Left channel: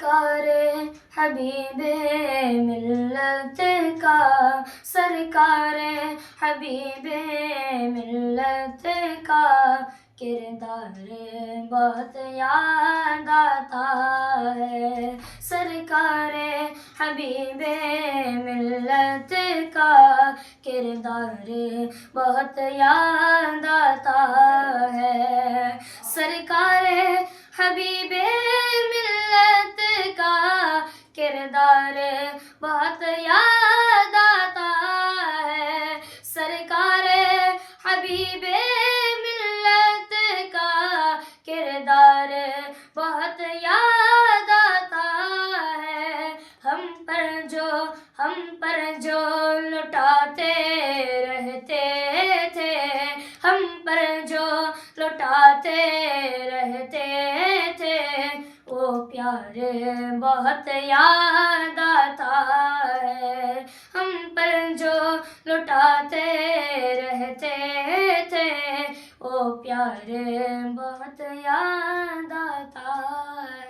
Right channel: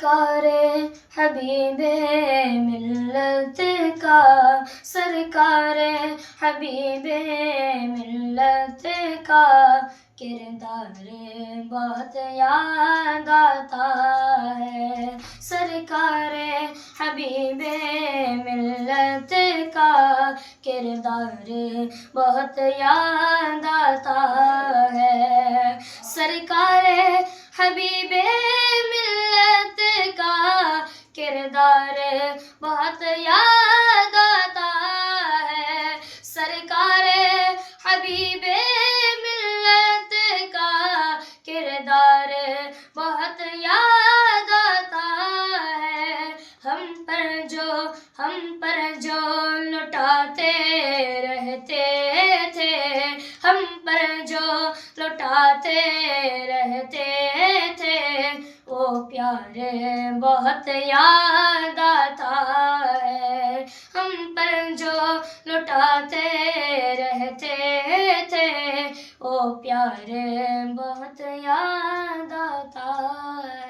کار حبیب ملت کا، سرکار حبیب ملت کا کردار بہت یاد آتا ہے، سرکار حبیب ملت کا کردار بہت یاد آتا ہے، سرکار حبیب ملت کا کردار بہت یاد آتا ہے، سرکار حبیب ملت کا کردار بہت یاد آتا ہے، ہم پر جو لٹاتے رہتے تھے، ہم پر جو لٹاتے رہتے تھے، وہ پیار بہت یاد آتا ہے، ہم پر جو لٹاتے رہتے تھے، وہ پیار بہت یاد آتا ہے۔